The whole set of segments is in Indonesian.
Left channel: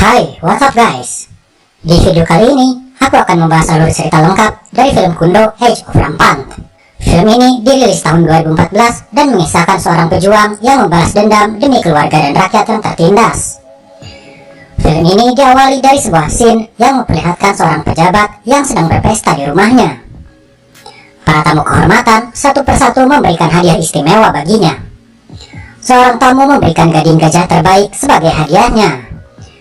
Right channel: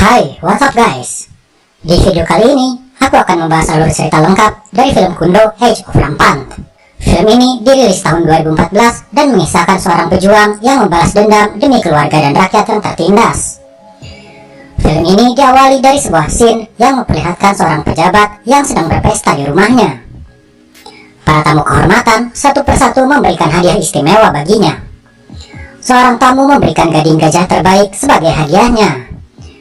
Hai, what's up guys? Di video kali ini, aku akan membahas alur cerita lengkap dari film Kundo Age of Rampant. Film ini dirilis tahun 2014 dan mengisahkan seorang pejuang yang membalas dendam demi keluarga dan rakyat yang tertindas. Film ini diawali dari sebuah scene yang memperlihatkan seorang pejabat yang sedang berpesta di rumahnya. Para tamu kehormatan satu persatu memberikan hadiah istimewa baginya. Seorang tamu memberikan gading gajah terbaik sebagai hadiahnya.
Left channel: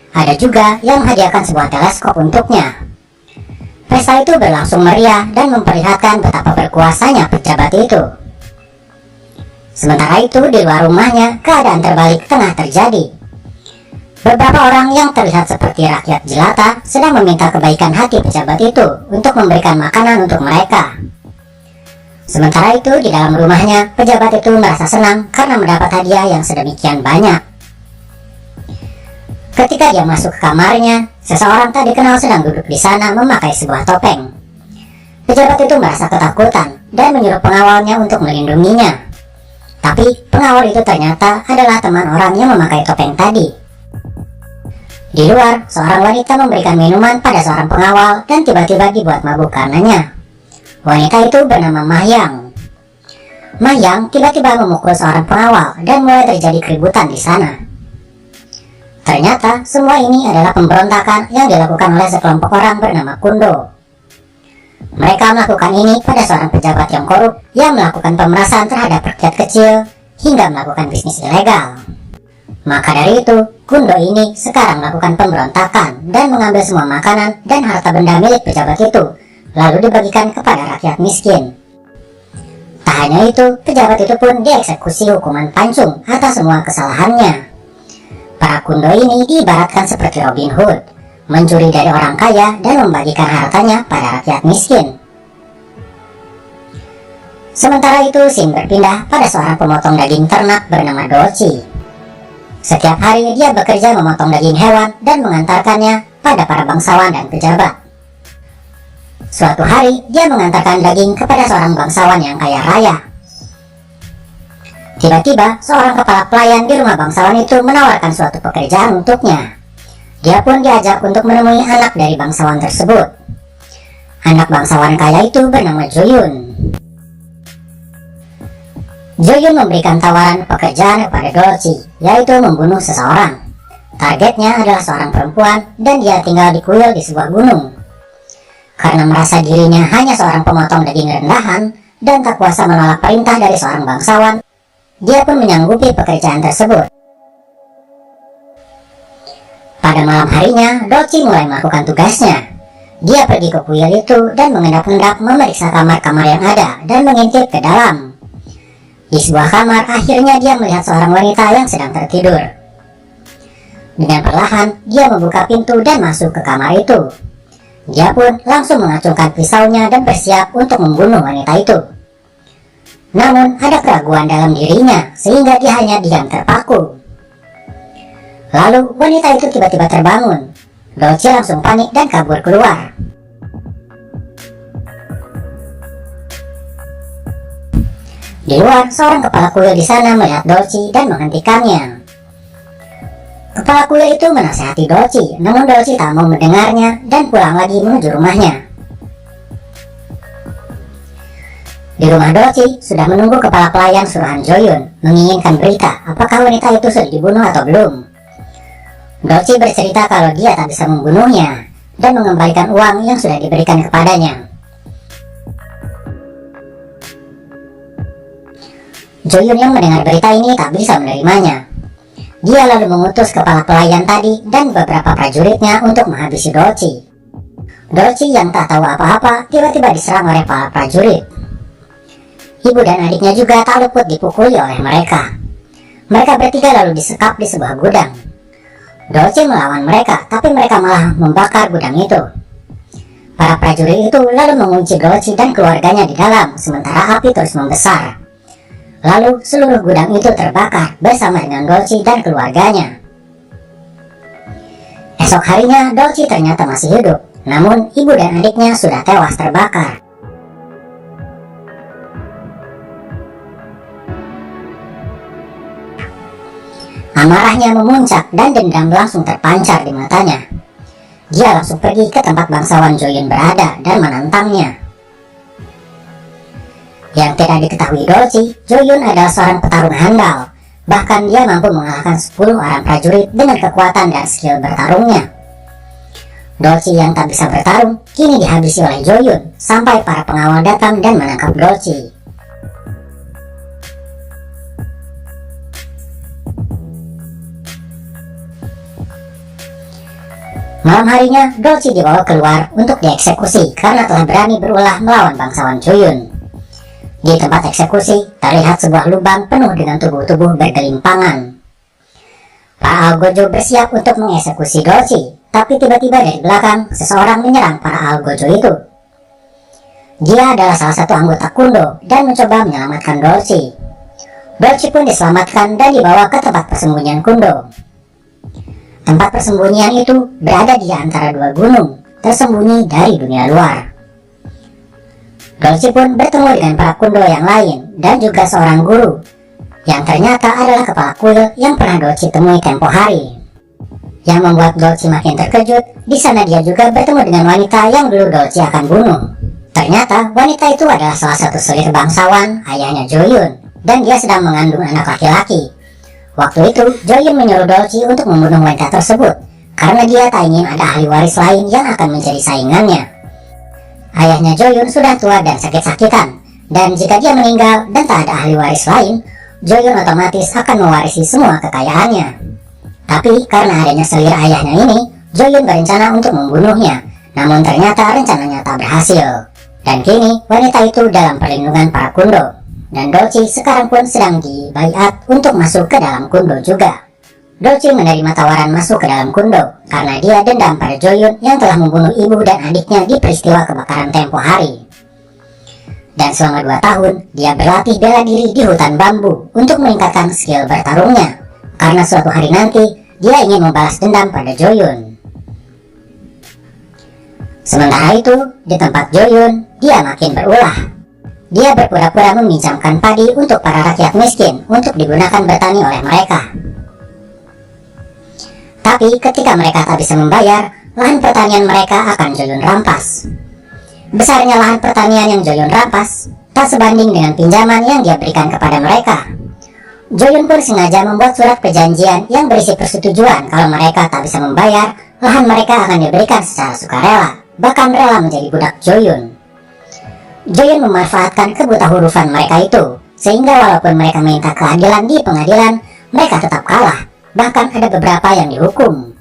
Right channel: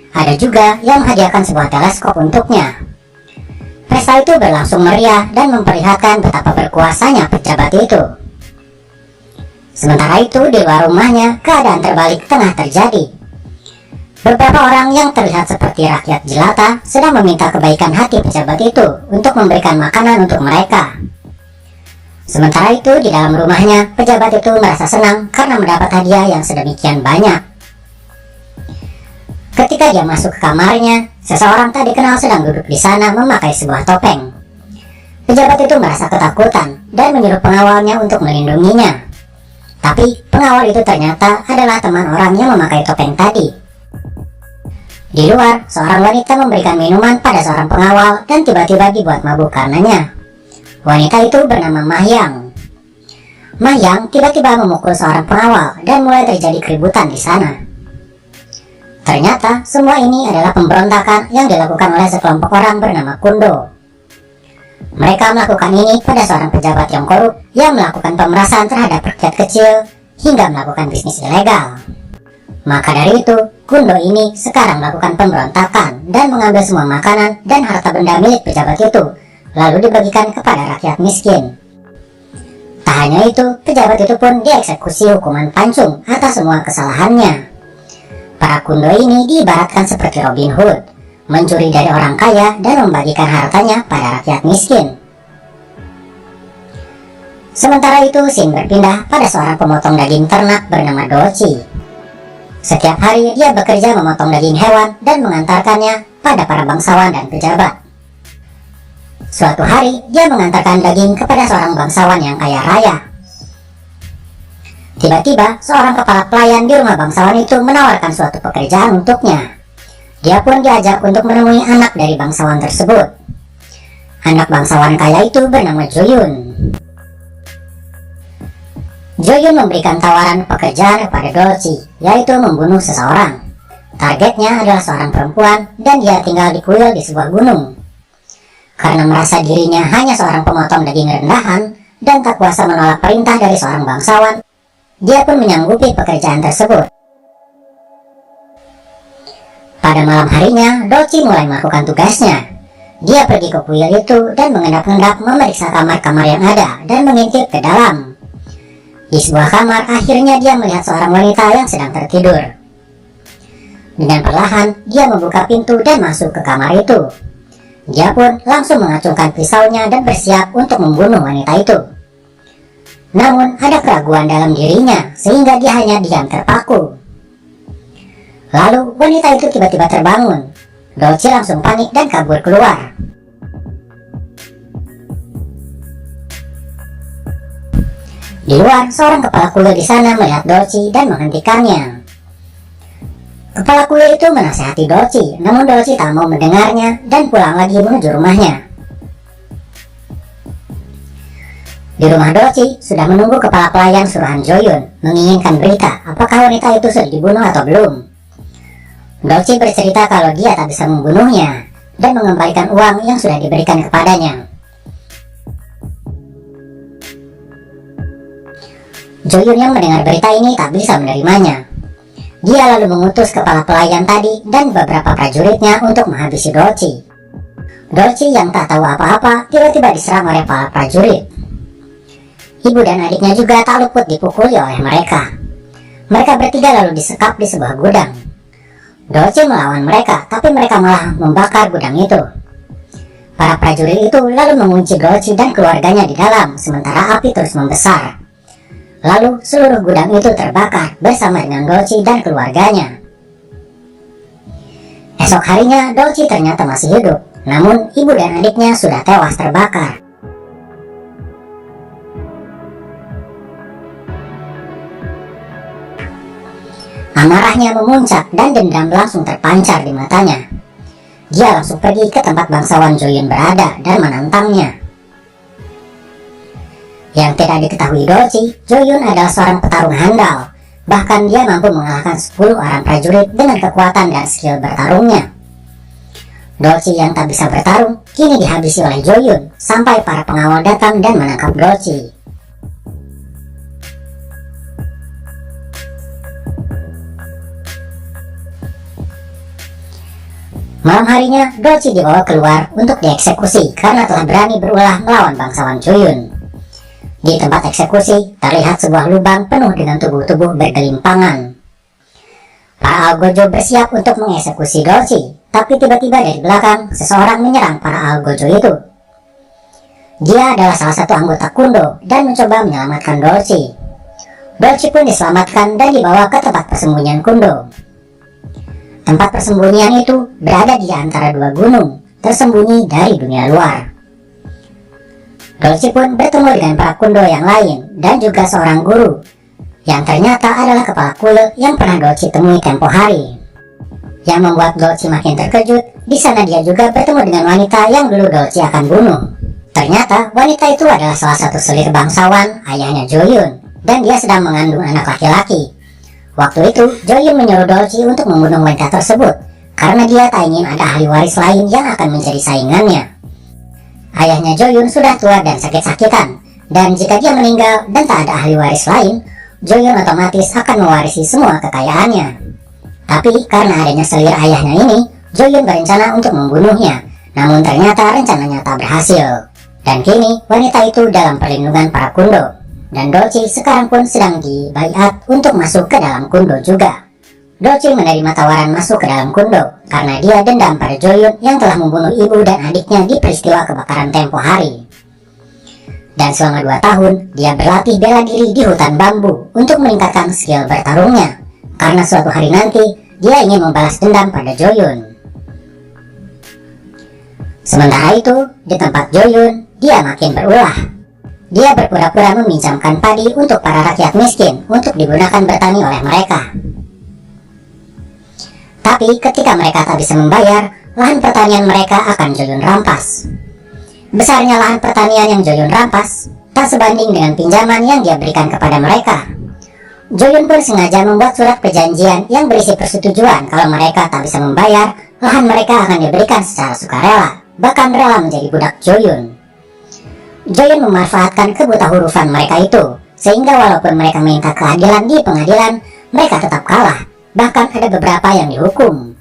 Ada juga yang menghadiahkan sebuah teleskop untuknya. Pesta itu berlangsung meriah dan memperlihatkan betapa berkuasanya pejabat itu. Sementara itu di luar rumahnya, keadaan terbalik tengah terjadi. Beberapa orang yang terlihat seperti rakyat jelata sedang meminta kebaikan hati pejabat itu untuk memberikan makanan untuk mereka. Sementara itu di dalam rumahnya, pejabat itu merasa senang karena mendapat hadiah yang sedemikian banyak. Ketika dia masuk ke kamarnya, seseorang tak dikenal sedang duduk di sana memakai sebuah topeng. Pejabat itu merasa ketakutan dan menyuruh pengawalnya untuk melindunginya. Tapi pengawal itu ternyata adalah teman orang yang memakai topeng tadi. Di luar, seorang wanita memberikan minuman pada seorang pengawal dan tiba-tiba dibuat mabuk karenanya. Wanita itu bernama Mahyang. Mahyang tiba-tiba memukul seorang pengawal dan mulai terjadi keributan di sana. Ternyata semua ini adalah pemberontakan yang dilakukan oleh sekelompok orang bernama Kundo. Mereka melakukan ini pada seorang pejabat yang korup yang melakukan pemerasan terhadap rakyat kecil hingga melakukan bisnis ilegal. Maka dari itu, Kundo ini sekarang melakukan pemberontakan dan mengambil semua makanan dan harta benda milik pejabat itu, lalu dibagikan kepada rakyat miskin. Tak hanya itu, pejabat itu pun dieksekusi hukuman pancung atas semua kesalahannya. Para Kundo ini diibaratkan seperti Robin Hood, mencuri dari orang kaya dan membagikan hartanya pada rakyat miskin. Sementara itu, scene berpindah pada seorang pemotong daging ternak bernama Dolci. Setiap hari dia bekerja memotong daging hewan dan mengantarkannya pada para bangsawan dan pejabat. Suatu hari, dia mengantarkan daging kepada seorang bangsawan yang kaya raya. Tiba-tiba, seorang kepala pelayan di rumah bangsawan itu menawarkan suatu pekerjaan untuknya. Dia pun diajak untuk menemui anak dari bangsawan tersebut. Anak bangsawan kaya itu bernama Joyun. Joyun memberikan tawaran pekerjaan kepada Dolci, yaitu membunuh seseorang. Targetnya adalah seorang perempuan dan dia tinggal di kuil di sebuah gunung. Karena merasa dirinya hanya seorang pemotong daging rendahan dan tak kuasa menolak perintah dari seorang bangsawan, dia pun menyanggupi pekerjaan tersebut. Pada malam harinya, Dolci mulai melakukan tugasnya. Dia pergi ke kuil itu dan mengendap-endap memeriksa kamar-kamar yang ada dan mengintip ke dalam. Di sebuah kamar, akhirnya dia melihat seorang wanita yang sedang tertidur. Dengan perlahan, dia membuka pintu dan masuk ke kamar itu. Dia pun langsung mengacungkan pisaunya dan bersiap untuk membunuh wanita itu. Namun ada keraguan dalam dirinya sehingga dia hanya diam terpaku. Lalu wanita itu tiba-tiba terbangun. Dolci langsung panik dan kabur keluar. Di luar, seorang kepala kuil di sana melihat Dolci dan menghentikannya. Kepala kuil itu menasihati Dolci, namun Dolci tak mau mendengarnya dan pulang lagi menuju rumahnya. Di rumah Dolci sudah menunggu kepala pelayan suruhan Joyun, menginginkan berita apakah wanita itu sudah dibunuh atau belum. Dolci bercerita kalau dia tak bisa membunuhnya dan mengembalikan uang yang sudah diberikan kepadanya. Joyun yang mendengar berita ini tak bisa menerimanya. Dia lalu mengutus kepala pelayan tadi dan beberapa prajuritnya untuk menghabisi Dolci. Dolci yang tak tahu apa-apa tiba-tiba diserang oleh para prajurit. Ibu dan adiknya juga tak luput dipukuli oleh mereka. Mereka bertiga lalu disekap di sebuah gudang. Dolci melawan mereka, tapi mereka malah membakar gudang itu. Para prajurit itu lalu mengunci Dolci dan keluarganya di dalam, sementara api terus membesar. Lalu seluruh gudang itu terbakar bersama dengan Dolci dan keluarganya. Esok harinya Dolci ternyata masih hidup, namun ibu dan adiknya sudah tewas terbakar. Amarahnya memuncak dan dendam langsung terpancar di matanya. Dia langsung pergi ke tempat bangsawan Joyun berada dan menantangnya. Yang tidak diketahui Dolci, Joyun adalah seorang petarung handal. Bahkan dia mampu mengalahkan 10 orang prajurit dengan kekuatan dan skill bertarungnya. Dolci yang tak bisa bertarung kini dihabisi oleh Joyun sampai para pengawal datang dan menangkap Dolci. Malam harinya, Dolci dibawa keluar untuk dieksekusi karena telah berani berulah melawan bangsawan Joyun. Di tempat eksekusi, terlihat sebuah lubang penuh dengan tubuh-tubuh bergelimpangan. Para algojo bersiap untuk mengeksekusi Dolci, tapi tiba-tiba dari belakang, seseorang menyerang para algojo itu. Dia adalah salah satu anggota Kundo dan mencoba menyelamatkan Dolci. Dolci pun diselamatkan dan dibawa ke tempat persembunyian Kundo. Tempat persembunyian itu berada di antara dua gunung, tersembunyi dari dunia luar. Dolci pun bertemu dengan para Kundo yang lain dan juga seorang guru, yang ternyata adalah kepala kuil yang pernah Dolci temui tempo hari. Yang membuat Dolci makin terkejut, di sana dia juga bertemu dengan wanita yang dulu Dolci akan bunuh. Ternyata wanita itu adalah salah satu selir bangsawan, ayahnya Joyun, dan dia sedang mengandung anak laki-laki. Waktu itu, Joyun menyuruh Dolci untuk membunuh wanita tersebut, karena dia tak ingin ada ahli waris lain yang akan menjadi saingannya. Ayahnya Joyun sudah tua dan sakit-sakitan, dan jika dia meninggal dan tak ada ahli waris lain, Joyun otomatis akan mewarisi semua kekayaannya. Tapi karena adanya selir ayahnya ini, Joyun berencana untuk membunuhnya, namun ternyata rencananya tak berhasil. Dan kini, wanita itu dalam perlindungan para Kundo. Dan Dolci sekarang pun sedang dibaiat untuk masuk ke dalam Kundo juga. Dolci menerima tawaran masuk ke dalam Kundo karena dia dendam pada Joyun yang telah membunuh ibu dan adiknya di peristiwa kebakaran tempo hari. Dan selama 2 tahun, dia berlatih bela diri di hutan bambu untuk meningkatkan skill bertarungnya. Karena suatu hari nanti, dia ingin membalas dendam pada Joyun. Sementara itu, di tempat Joyun, dia makin berulah. Dia berpura-pura meminjamkan padi untuk para rakyat miskin untuk digunakan bertani oleh mereka. Tapi ketika mereka tak bisa membayar, lahan pertanian mereka akan Joyun rampas. Besarnya lahan pertanian yang Joyun rampas tak sebanding dengan pinjaman yang dia berikan kepada mereka. Joyun pun sengaja membuat surat perjanjian yang berisi persetujuan kalau mereka tak bisa membayar, lahan mereka akan diberikan secara sukarela, bahkan rela menjadi budak Joyun. Joyun memanfaatkan kebutahurufan mereka itu, sehingga walaupun mereka minta keadilan di pengadilan, mereka tetap kalah. Bahkan ada beberapa yang dihukum.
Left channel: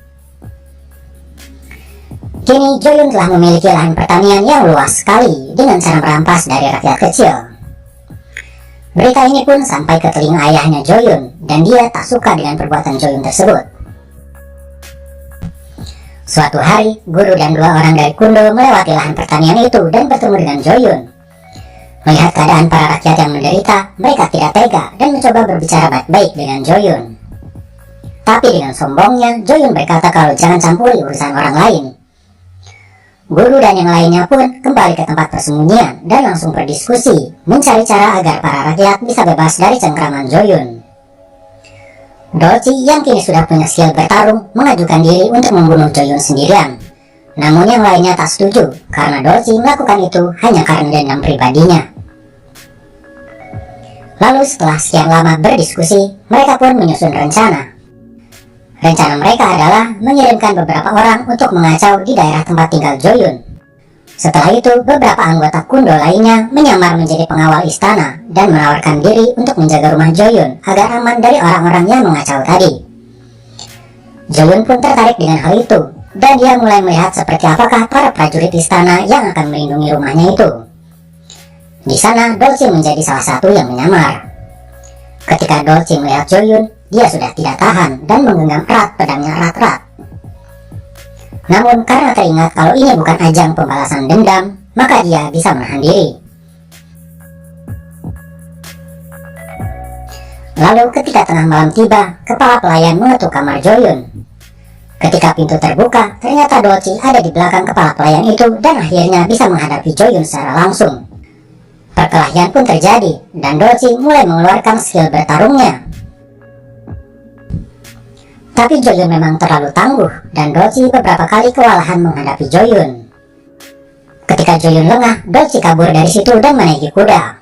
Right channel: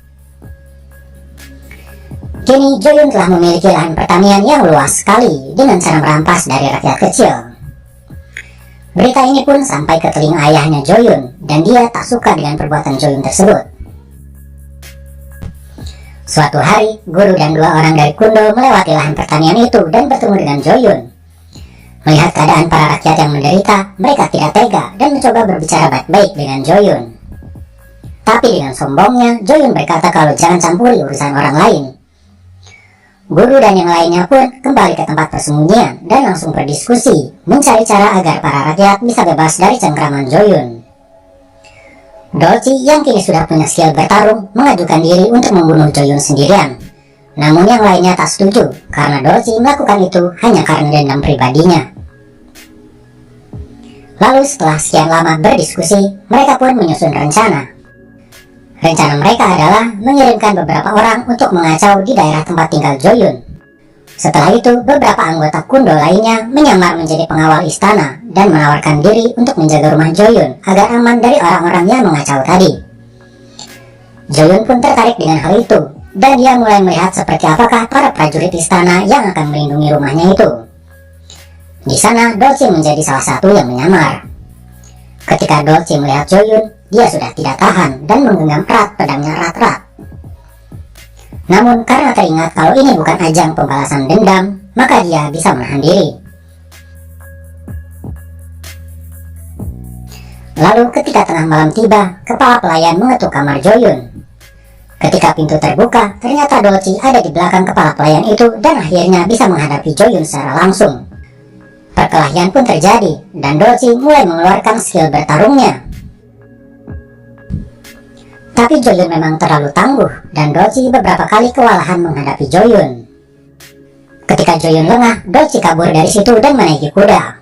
Kini Joyun telah memiliki lahan pertanian yang luas sekali dengan cara merampas dari rakyat kecil. Berita ini pun sampai ke telinga ayahnya Joyun, dan dia tak suka dengan perbuatan Joyun tersebut. Suatu hari, guru dan 2 orang dari Kundo melewati lahan pertanian itu dan bertemu dengan Joyun. Melihat keadaan para rakyat yang menderita, mereka tidak tega dan mencoba berbicara baik-baik dengan Joyun. Tapi dengan sombongnya, Joyun berkata kalau jangan campuri urusan orang lain. Guru dan yang lainnya pun kembali ke tempat persembunyian dan langsung berdiskusi, mencari cara agar para rakyat bisa bebas dari cengkraman Joyun. Dolci yang kini sudah punya skill bertarung mengajukan diri untuk membunuh Joyun sendirian. Namun yang lainnya tak setuju karena Dolci melakukan itu hanya karena dendam pribadinya. Lalu setelah sekian lama berdiskusi, mereka pun menyusun rencana. Rencana mereka adalah mengirimkan beberapa orang untuk mengacau di daerah tempat tinggal Joyun. Setelah itu, beberapa anggota Kundo lainnya menyamar menjadi pengawal istana dan menawarkan diri untuk menjaga rumah Joyun agar aman dari orang-orang yang mengacau tadi. Joyun pun tertarik dengan hal itu, dan dia mulai melihat seperti apakah para prajurit istana yang akan melindungi rumahnya itu. Di sana, Dolci menjadi salah satu yang menyamar. Ketika Dolci melihat Joyun, dia sudah tidak tahan dan menggenggam erat pedangnya erat-erat. Namun karena teringat kalau ini bukan ajang pembalasan dendam, maka dia bisa menahan diri. Lalu ketika tengah malam tiba, kepala pelayan mengetuk kamar Joyun. Ketika pintu terbuka, ternyata Dolci ada di belakang kepala pelayan itu dan akhirnya bisa menghadapi Joyun secara langsung. Perkelahian pun terjadi dan Dolci mulai mengeluarkan skill bertarungnya. Tapi Joyun memang terlalu tangguh dan Dolci beberapa kali kewalahan menghadapi Joyun. Ketika Joyun lengah, Dolci kabur dari situ dan menaiki kuda.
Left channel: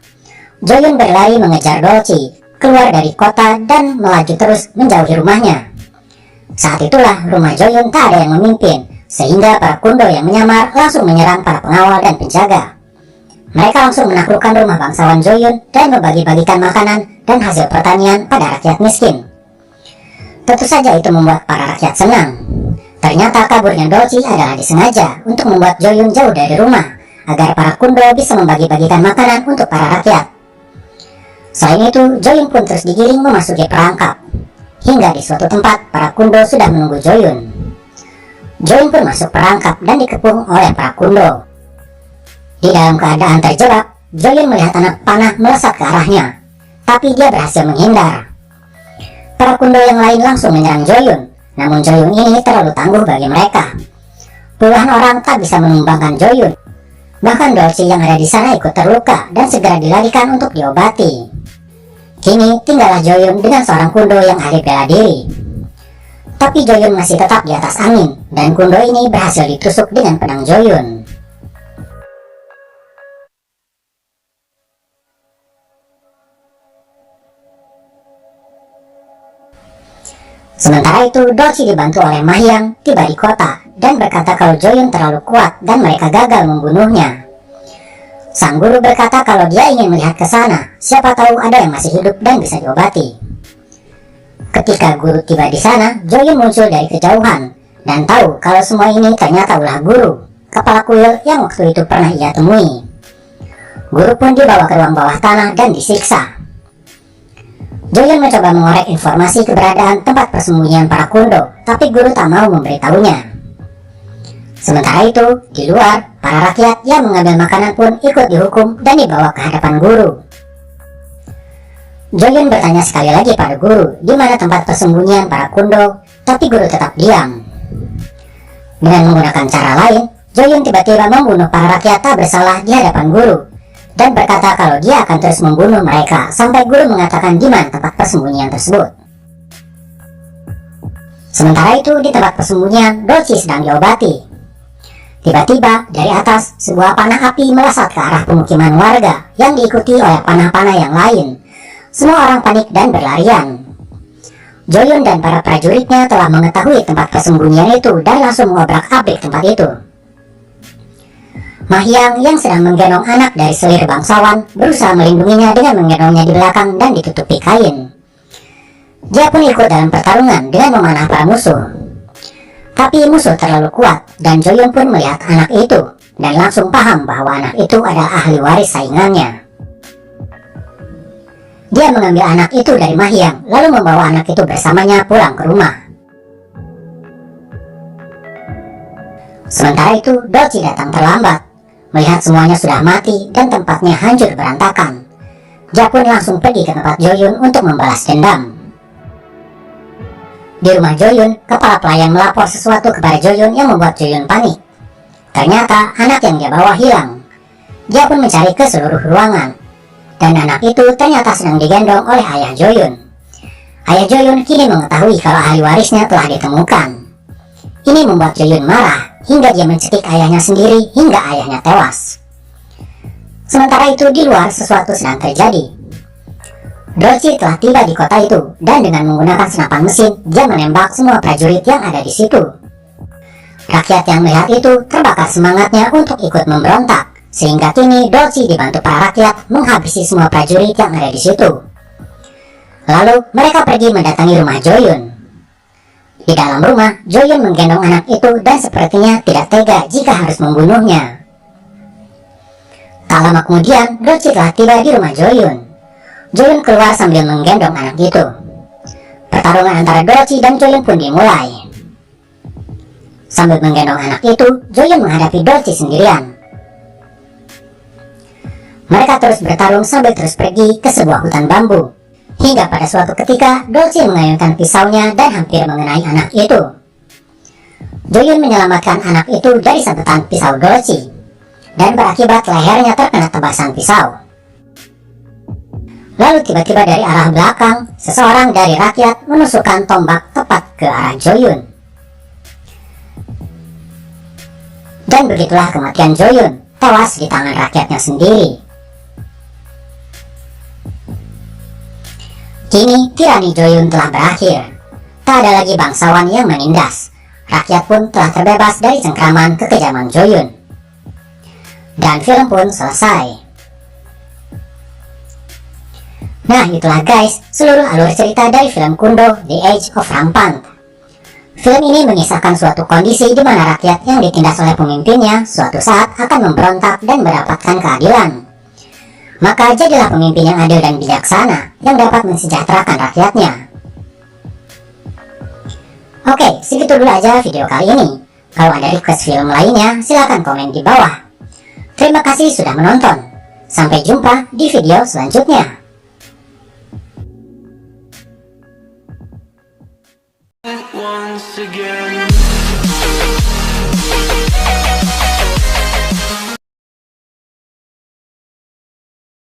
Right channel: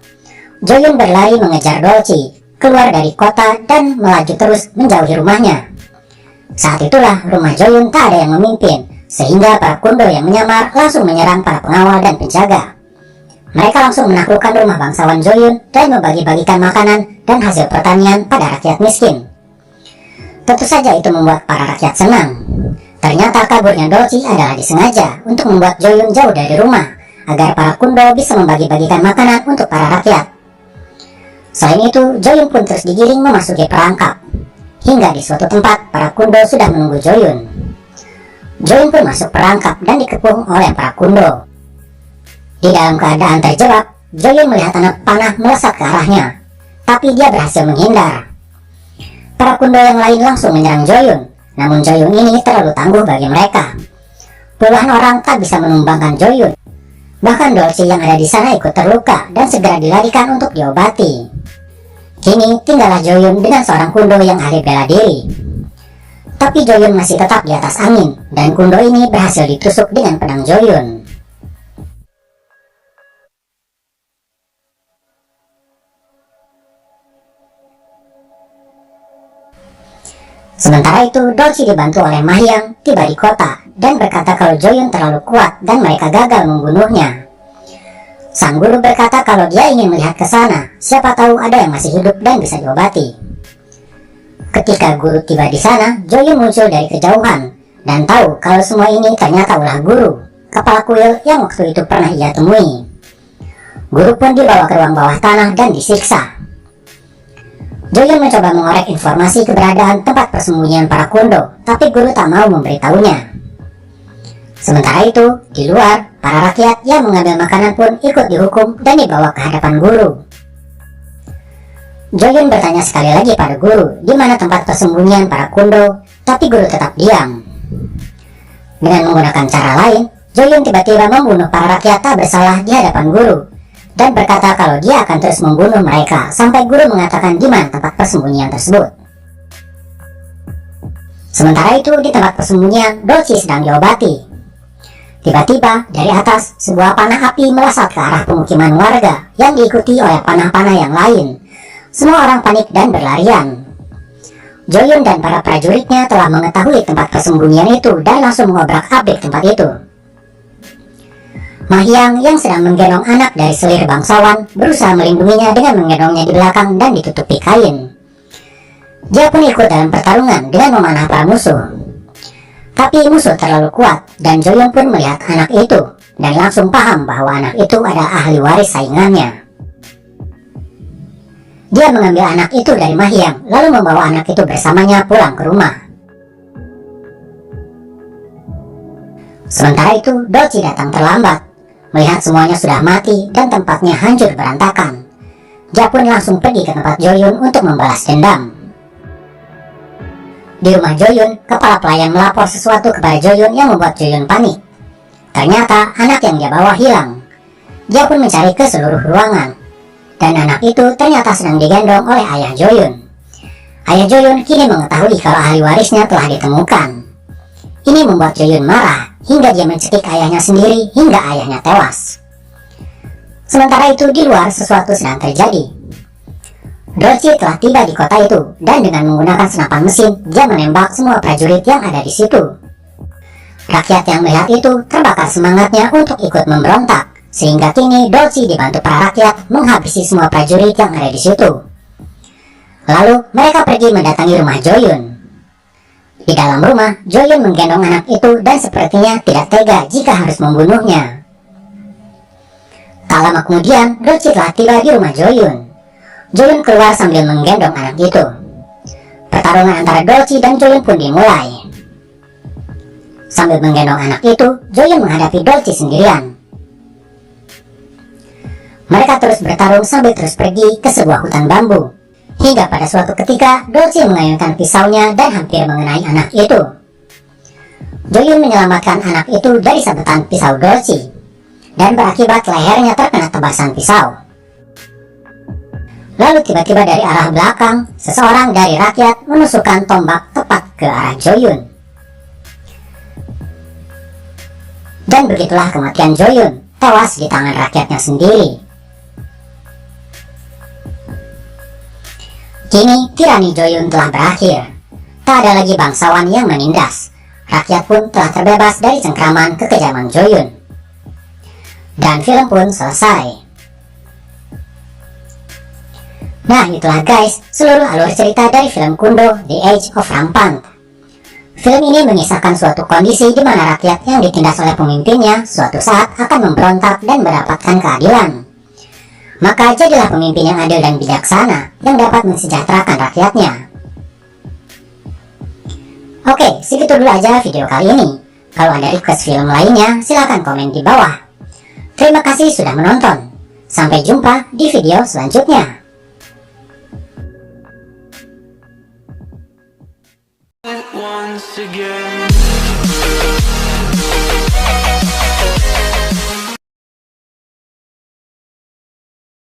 Joyun berlari mengejar Dolci, keluar dari kota dan melaju terus menjauhi rumahnya. Saat itulah rumah Joyun tak ada yang memimpin, sehingga para kundo yang menyamar langsung menyerang para pengawal dan penjaga. Mereka langsung menaklukkan rumah bangsawan Joyun dan membagi-bagikan makanan dan hasil pertanian pada rakyat miskin. Tentu saja itu membuat para rakyat senang. Ternyata kaburnya Dolci adalah disengaja untuk membuat Joyun jauh dari rumah, agar para kundo bisa membagi-bagikan makanan untuk para rakyat. Selain itu, Joyun pun terus digiring memasuki perangkap. Hingga di suatu tempat, para kundo sudah menunggu Joyun. Joyun pun masuk perangkap dan dikepung oleh para kundo. Di dalam keadaan terjebak, Joyun melihat anak panah melesat ke arahnya, tapi dia berhasil menghindar. Para kundo yang lain langsung menyerang Joyun, namun Joyun ini terlalu tangguh bagi mereka. Puluhan orang tak bisa menumbangkan Joyun. Bahkan Dolci yang ada di sana ikut terluka dan segera dilarikan untuk diobati. Kini tinggallah Joyun dengan seorang kundo yang ahli bela diri. Tapi Joyun masih tetap di atas angin, dan kundo ini berhasil ditusuk dengan pedang Joyun. Sementara itu, Dolci dibantu oleh Mahyang tiba di kota dan berkata kalau Joyun terlalu kuat dan mereka gagal membunuhnya. Sang guru berkata kalau dia ingin melihat ke sana, siapa tahu ada yang masih hidup dan bisa diobati. Ketika guru tiba di sana, Joyun muncul dari kejauhan dan tahu kalau semua ini ternyata ulah guru, kepala kuil yang waktu itu pernah ia temui. Guru pun dibawa ke ruang bawah tanah dan disiksa. Joyun mencoba mengorek informasi keberadaan tempat persembunyian para kundo, tapi guru tak mau memberitahunya. Sementara itu, di luar, para rakyat yang mengambil makanan pun ikut dihukum dan dibawa ke hadapan guru. Joyun bertanya sekali lagi pada guru di mana tempat persembunyian para kundo, tapi guru tetap diam. Dengan menggunakan cara lain, Joyun tiba-tiba membunuh para rakyat tak bersalah di hadapan guru dan berkata kalau dia akan terus membunuh mereka sampai guru mengatakan di mana tempat persembunyian tersebut. Sementara itu, di tempat persembunyian, Dolci sedang diobati. Tiba-tiba, dari atas, sebuah panah api melesat ke arah pemukiman warga yang diikuti oleh panah-panah yang lain. Semua orang panik dan berlarian. Joyun dan para prajuritnya telah mengetahui tempat persembunyian itu dan langsung mengobrak-abrik tempat itu. Mahyang yang sedang menggendong anak dari selir bangsawan berusaha melindunginya dengan menggendongnya di belakang dan ditutupi kain. Dia pun ikut dalam pertarungan dengan memanah para musuh. Tapi musuh terlalu kuat dan Joyun pun melihat anak itu dan langsung paham bahwa anak itu adalah ahli waris saingannya. Dia mengambil anak itu dari Mahyang lalu membawa anak itu bersamanya pulang ke rumah. Sementara itu, Dolci datang terlambat. Melihat semuanya sudah mati dan tempatnya hancur berantakan, dia pun langsung pergi ke tempat Joyun untuk membalas dendam. Di rumah Joyun, kepala pelayan melapor sesuatu kepada Joyun yang membuat Joyun panik. Ternyata anak yang dia bawa hilang. Dia pun mencari ke seluruh ruangan, dan anak itu ternyata sedang digendong oleh ayah Joyun. Ayah Joyun kini mengetahui kalau ahli warisnya telah ditemukan. Ini membuat Joyun marah hingga dia mencekik ayahnya sendiri hingga ayahnya tewas. Sementara itu di luar sesuatu sedang terjadi. Dolci telah tiba di kota itu dan dengan menggunakan senapan mesin dia menembak semua prajurit yang ada di situ. Rakyat yang melihat itu terbakar semangatnya untuk ikut memberontak, sehingga kini Dolci dibantu para rakyat menghabisi semua prajurit yang ada di situ. Lalu mereka pergi mendatangi rumah Joyun. Di dalam rumah, Joyun menggendong anak itu dan sepertinya tidak tega jika harus membunuhnya. Tak lama kemudian, Dolci telah tiba di rumah Joyun. Joyun keluar sambil menggendong anak itu. Pertarungan antara Dolci dan Joyun pun dimulai. Sambil menggendong anak itu, Joyun menghadapi Dolci sendirian. Mereka terus bertarung sambil terus pergi ke sebuah hutan bambu. Hingga pada suatu ketika, Dolci mengayunkan pisaunya dan hampir mengenai anak itu. Joyun menyelamatkan anak itu dari sabetan pisau Dolci, dan berakibat lehernya terkena tebasan pisau. Lalu tiba-tiba dari arah belakang, seseorang dari rakyat menusukkan tombak tepat ke arah Joyun. Dan begitulah kematian Joyun, tewas di tangan rakyatnya sendiri. Kini tirani Joyun telah berakhir. Tak ada lagi bangsawan yang menindas. Rakyat pun telah terbebas dari cengkraman kekejaman Joyun. Dan film pun selesai. Nah, itulah guys, seluruh alur cerita dari film kundo The Age of Rampant. Film ini mengisahkan suatu kondisi di mana rakyat yang ditindas oleh pemimpinnya suatu saat akan memberontak dan mendapatkan keadilan. Maka jadilah pemimpin yang adil dan bijaksana yang dapat mensejahterakan rakyatnya. Oke, segitu dulu aja video kali ini. Kalau ada request film lainnya, silahkan komen di bawah. Terima kasih sudah menonton. Sampai jumpa di video selanjutnya. Once again.